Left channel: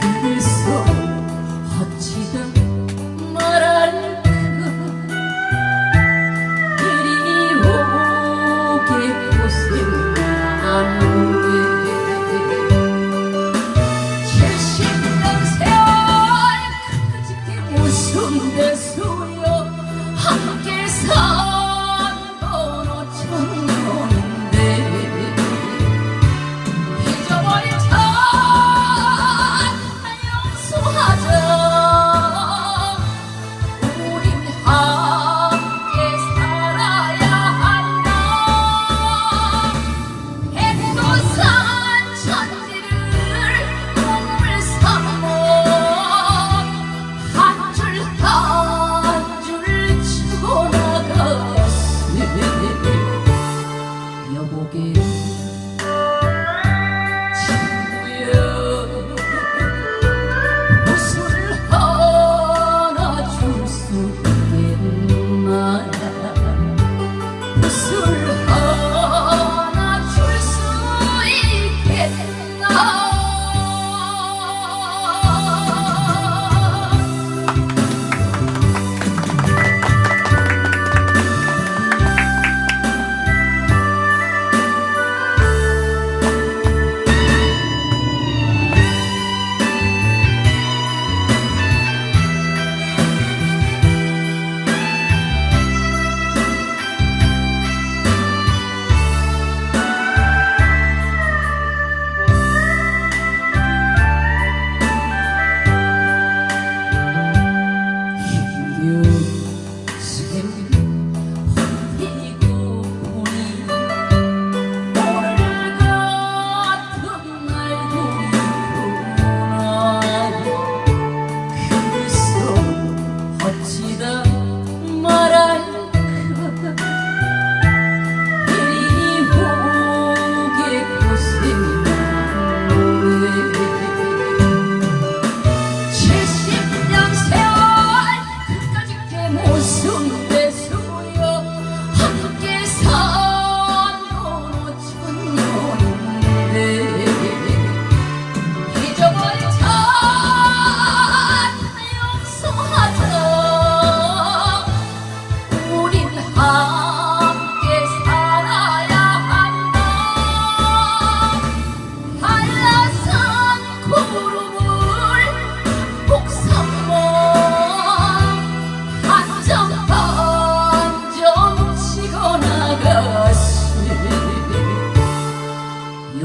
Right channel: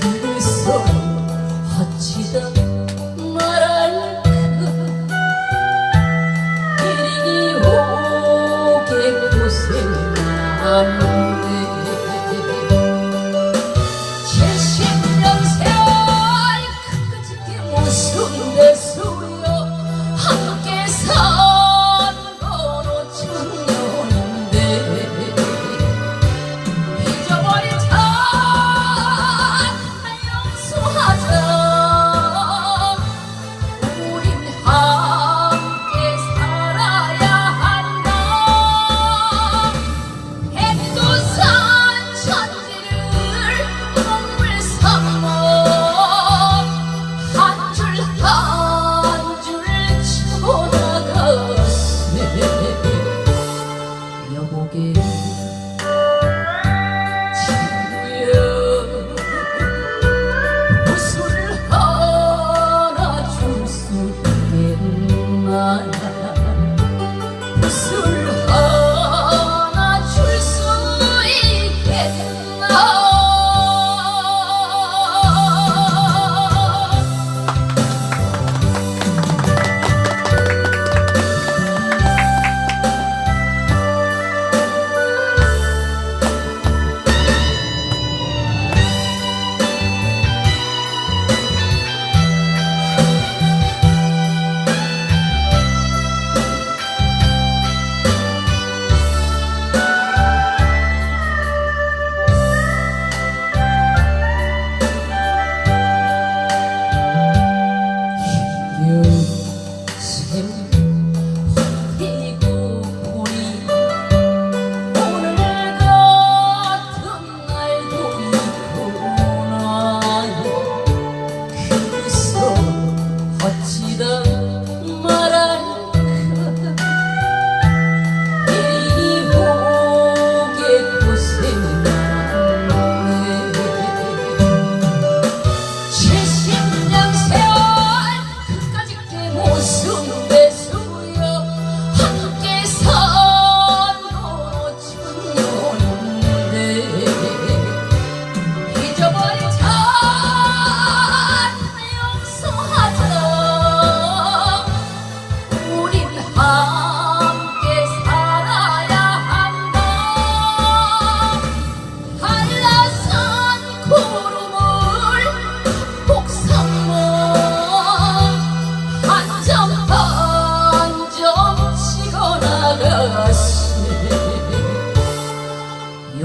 그래서 어찌다 말할까 이리 오게 고생한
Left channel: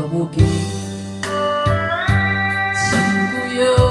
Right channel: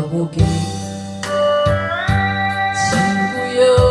我不给，心不由。